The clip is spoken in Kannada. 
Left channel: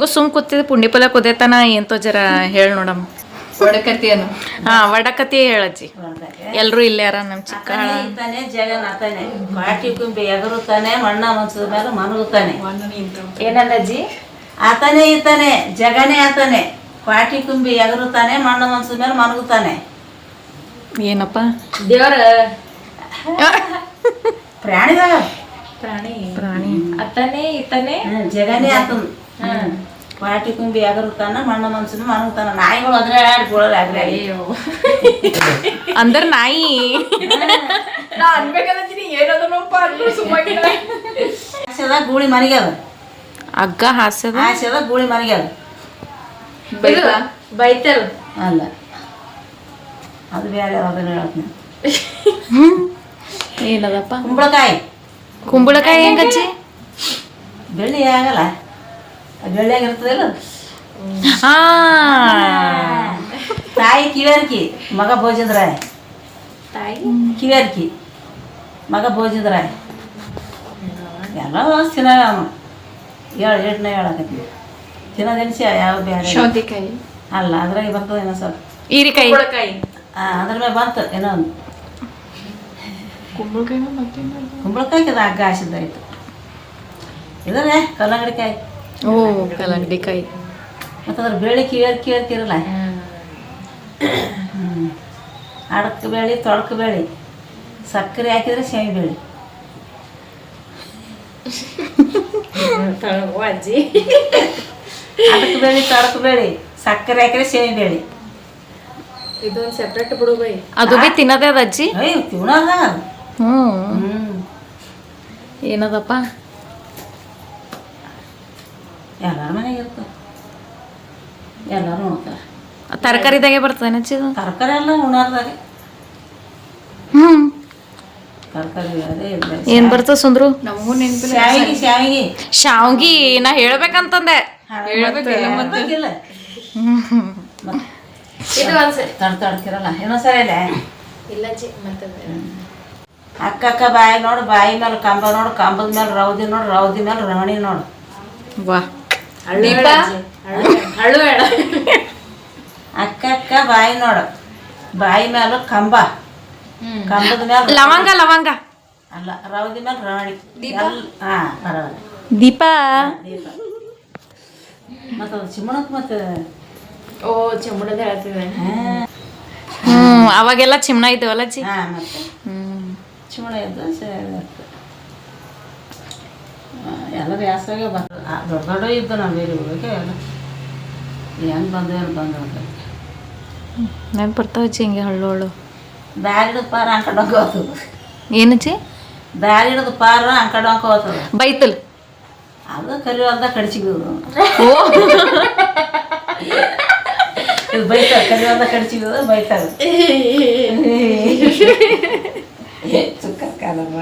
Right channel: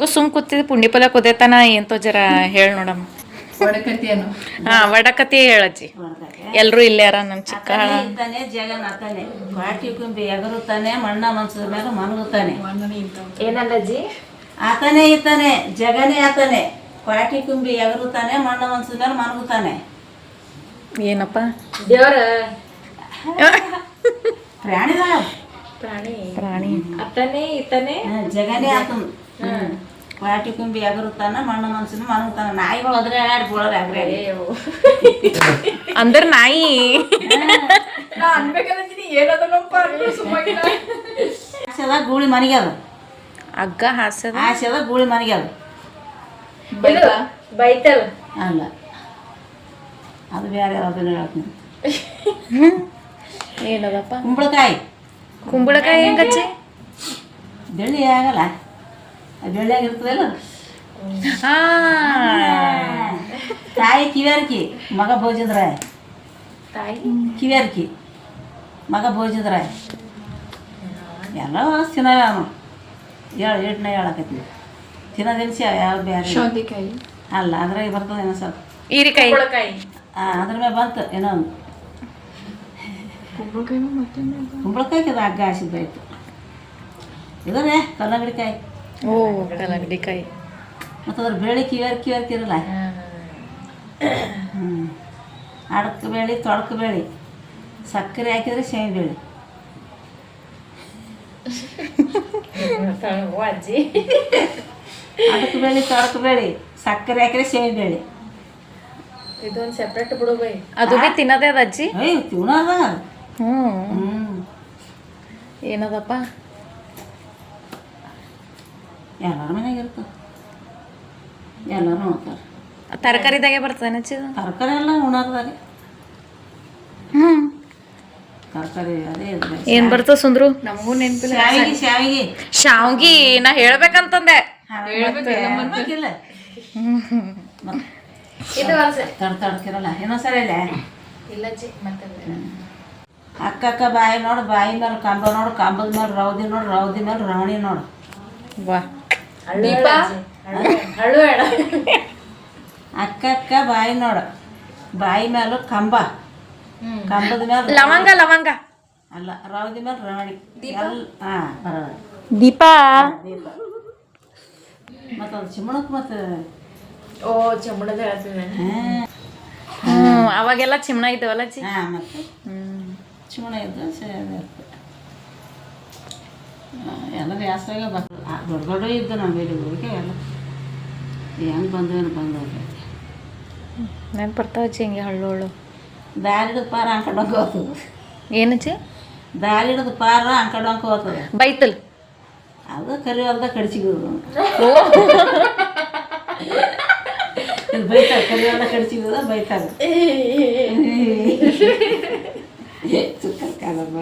ಹಿಂಗೂ ಸುಮ್ ಕೂತಿದ್ ಪುಂಡಿ ಕುದೇತನ ಕುದೇತಾನ ಎಂತೋ ಜರ ಹೇಳ್ ನೋಡಮ್ಮ. ಹಾ ವಡಕತಿ ಹೇಳಜ್ಜಿ. ಎಲ್ರು ಇಲ್ಲೇ ಯಾರ ನಮ್ ಚಿಕ್ಕ ಎಗರುತ್ತಾನೆ ಮಣ್ಣ ಮನ್ಸದ ಮೇಲೆ ಮನಗುತ್ತಾನೆ ಏನಲ್ಲಜ್ಜಿ? ಆತನೇ ಇರ್ತಾನೆ ಜಗನೇ ಆತನೆ. ಪಾಟಿ ಕುಂಬಿ ಎಗರುತ್ತಾನೆ ಮಣ್ಣ ಮನ್ಸದ ಮೇಲೆ ಮನಗುತ್ತಾನೆ ಏನಪ್ಪ? ದೇವರ? ಪ್ರಾಣಿದ ಪ್ರಾಣಿ. ಪ್ರಾಣಿ. ಆತನೇ ಇತ್ತಾನೆ ಹ್ಮ್, ಜಗನೇ ಆತನು. ಪಾಟಿ ಕುಂಬಿ ಅಗರುತ್ತಾನ ಮಣ್ಣ ಮನ್ಸನ ಮನಗುತ್ತಾನ ನಾಯಿಗಳು ಅದ್ರ ಆಡಿ ಬೀಳೋದು ಆಗ್ರೆ ಅಂದ್ರ ನಾಯಿ. ನಾ ಅನ್ಬೇಕಂತೀನಿ ಅಂದ್ರು ಆಸೆದ ಗೂಳಿ ಮನೆಗೆ ಅದ. ಹಗ್ಗ ಹಾಸ್ಯದ? ಹಾಸ್ಯದ ಗೂಳಿ ಮನೆಗೆ ಅದ. ಇದು ಬೈತಲ್. ಅಲ್ಲ. ಅದು ಬೇರೆ ಅದನ್ನ ಹೇಳ್ತೀನಿ ಏನದಪ್ಪ? ಕುಂಬಳಕಾಯಿ. ಕುಂಬಳಕಾಯಿ ಹೆಂಗಚ್ಚಿ ಬೆಳ್ಳಿ ಆಗಲ್ಲ. ಅದು. ಹಾ. ತಾಯಿ ಕಿವೇರ್ಕಿ ಮಗ ಭೋಜನರಾಯ್ ತಾಯಿ? ಕಿವೇರ್ಕಿ ಮಗ ಭೋಜನರಾಯ್ ಎಲ್ಲ ತಿನ್ನ ಅವನು ಹೇಳ ಏಟ್ನ ಹೇಳಕತ್ತಿ ತಿನ್ನೋದೆನ್ಸಿ ಯಾವ ಬೇರೆ ಶೌಂತಿಕಾಯಿ ಅಲ್ಲ ಅದ್ರಾಗೆ ಬರ್ತದೆ ಏನೋ ಸ್ವಲ್ಪ. ಹೀರಿಕಾಯಿ. ಹಾಂ ಅದ್ರ ಮೇಲೆ ಬಂತು ಏನೋ ಒಂದು. ಕುಂಬಳಕಾಯಿ ಕುಂಬಳಕಾಯಿ ಅದು ಹಗ್ಗ ಹಾಸಿದ್ದಾಯ್ತು. ಇದಲ್ಲೇ ಕಲ್ಲಂಗಡಿಕಾಯಿ ಓ ಕಲ್ಲಂಗಡಿಕಾಯಿ. ಮತ್ತು ಅದ್ರ ಬೇಳೆ ಕೇರ್ ಕೇರ್ ಇರಲ್ಲ ಹ್ಞೂ ಅಡಕ್ಕೆ ಬೇಳೆ ತೊಳಕ ಬೇಳೆ ಸಕ್ಕರೆ ಹಾಕಿದ್ರೆ ಶೇಂಗಿ ಬೇಳೆ. ಅಜ್ಜಿ ಅಡಕ್ಕೆ ಬೇಳೆ ತೊಳಕ ಬೇಳೆ ಸಕ್ಕರೆ ಹಾಕಿದ್ರೆ ಶೇಂಗಿ ಬೇಳೆ. ಇದೊಂದು ಸೆಪ್ರೇಟ್ ಬಿಡು ಬೈ. ಅದು ಬಿ ತಿನ್ನದೇ ಅದ ಅಜ್ಜಿ? ಅಯ್ಯೋ ತಿನ್ನೋದ ಹ್ಮ್. ಹ್ಞೂ ಏನದಪ್ಪ? ಎಲ್ಲರ ಮನೆಗೆ ಇರ್ತದೆ ಎಲ್ಲರೂ ಉಣ್ತಾರೆ ತರಕಾರಿದಾಗೆ ಬರ್ತದೆ ಇದು ತರಕಾರಿ ಎಲ್ಲ ಉಣಾರ್ದಾಗೆ ಹ್ಮ್. ತರಕಾರಿ ಅದೇ ಇದೆ ಏನ್ ಬರ್ತದ ಸುಂದ್ರು? ನಮಗೂ ನೆನಪಿಲ್ಲ. ಶಾವಿಗೆ ಶಾವಿಗೆ. ಶಾವ್ಗಿ ನಾ ಹೇಳ್ಬೇಕಂತಂದೆ. ಇಲ್ಲ ಇದು ಒಂದ್ಸರಿ. ತಡ ಇನ್ನೊಂದ್ಸರಿ ಇಲ್ಲ ಇಲ್ಲ ಚಿ ಮತ್ತೆ ಅಕ್ಕಕ್ಕ ಬಾಯಿ ನೋಡು ಬಾಯಿ ಮೇಲೆ ಕಂಬ ನೋಡು ಕಂಬದ ಮೇಲೆ ರೌದಿ ನೋಡು ರೌದಿ ಮೇಲೆ ರವಣಿ ನೋಡು. ವಾ. ದೀಪ? ಅಕ್ಕ ಅಕ್ಕ ಬಾಯಿ ನೋಡ. ಬಾಯಿ ಮ್ಯಾಲ ಕಂಬ. ಕಂಬದ ಮ್ಯಾಲ ಲವಂಗ ಲವಂಗ. ಅಲ್ಲ ರೌದಿ ಮ್ಯಾಲ ರಾಣಿ ದೀಪ? ಹಾ ದೀಪ? ದೀಪ. ಮತ್ತು ಅದು ಚಿಮ್ಮಣಕ್ಕೆ ಮತ್ತು ಓ ಚಿಮ್ಮಣದ ಹೇಳ್ತೀವಿ ಹ್ಮ್ ಅವಾಗೆಲ್ಲ ಚಿಮ್ಮಣ ಇದ್ದವಲ್ಲ ಚಿ ಹಾಂ ಮತ್ತು. ಹ್ಮ್. ಚಿಮ್ಮಣ ಇದ್ದು ಸರಿ ಯಾಸಾಗ ಆ, ದೊಡ್ಡ ದೊಡ್ಡ ಇದ್ದ ನಮ್ಮ ಬೇರೆ ಹೋಗಿ ಎಲ್ಲ. ಹೆಂಗೆ ಬಂದು ಏನು ಬಂದ ನೆನ್ಪು ಬರ್ತಾವ ಅಜ್ಜಿ ಹಿಂಗೆ ಹಳ್ಳು ಹಳ್ಳು ಬ್ಯಾಗ್ ಹಿಡಿದು ಪಾರ ಅಂಕಂಡು ಹೋಗ್ತದೆ. ಏನಜ್ಜಿ ಬ್ಯಾಗ್ ಹಿಡಿದು ಪಾರ ಅಂಕಂಡು ಹೋಗ್ತದೆ. ಬೈತಲ್. ಅದು ಕರಿ ಹೊಲ್ದ ಕಡಿಸಿಗೋದು ಇದು ಬೈತಾರೆ ಕರಿ ಹೊಲ್ದ ಕಡಿಸಿಗೋದು ಬೈತಾರೆ ಸುಕ್ಕ ಕಾಲಮ್ಮ.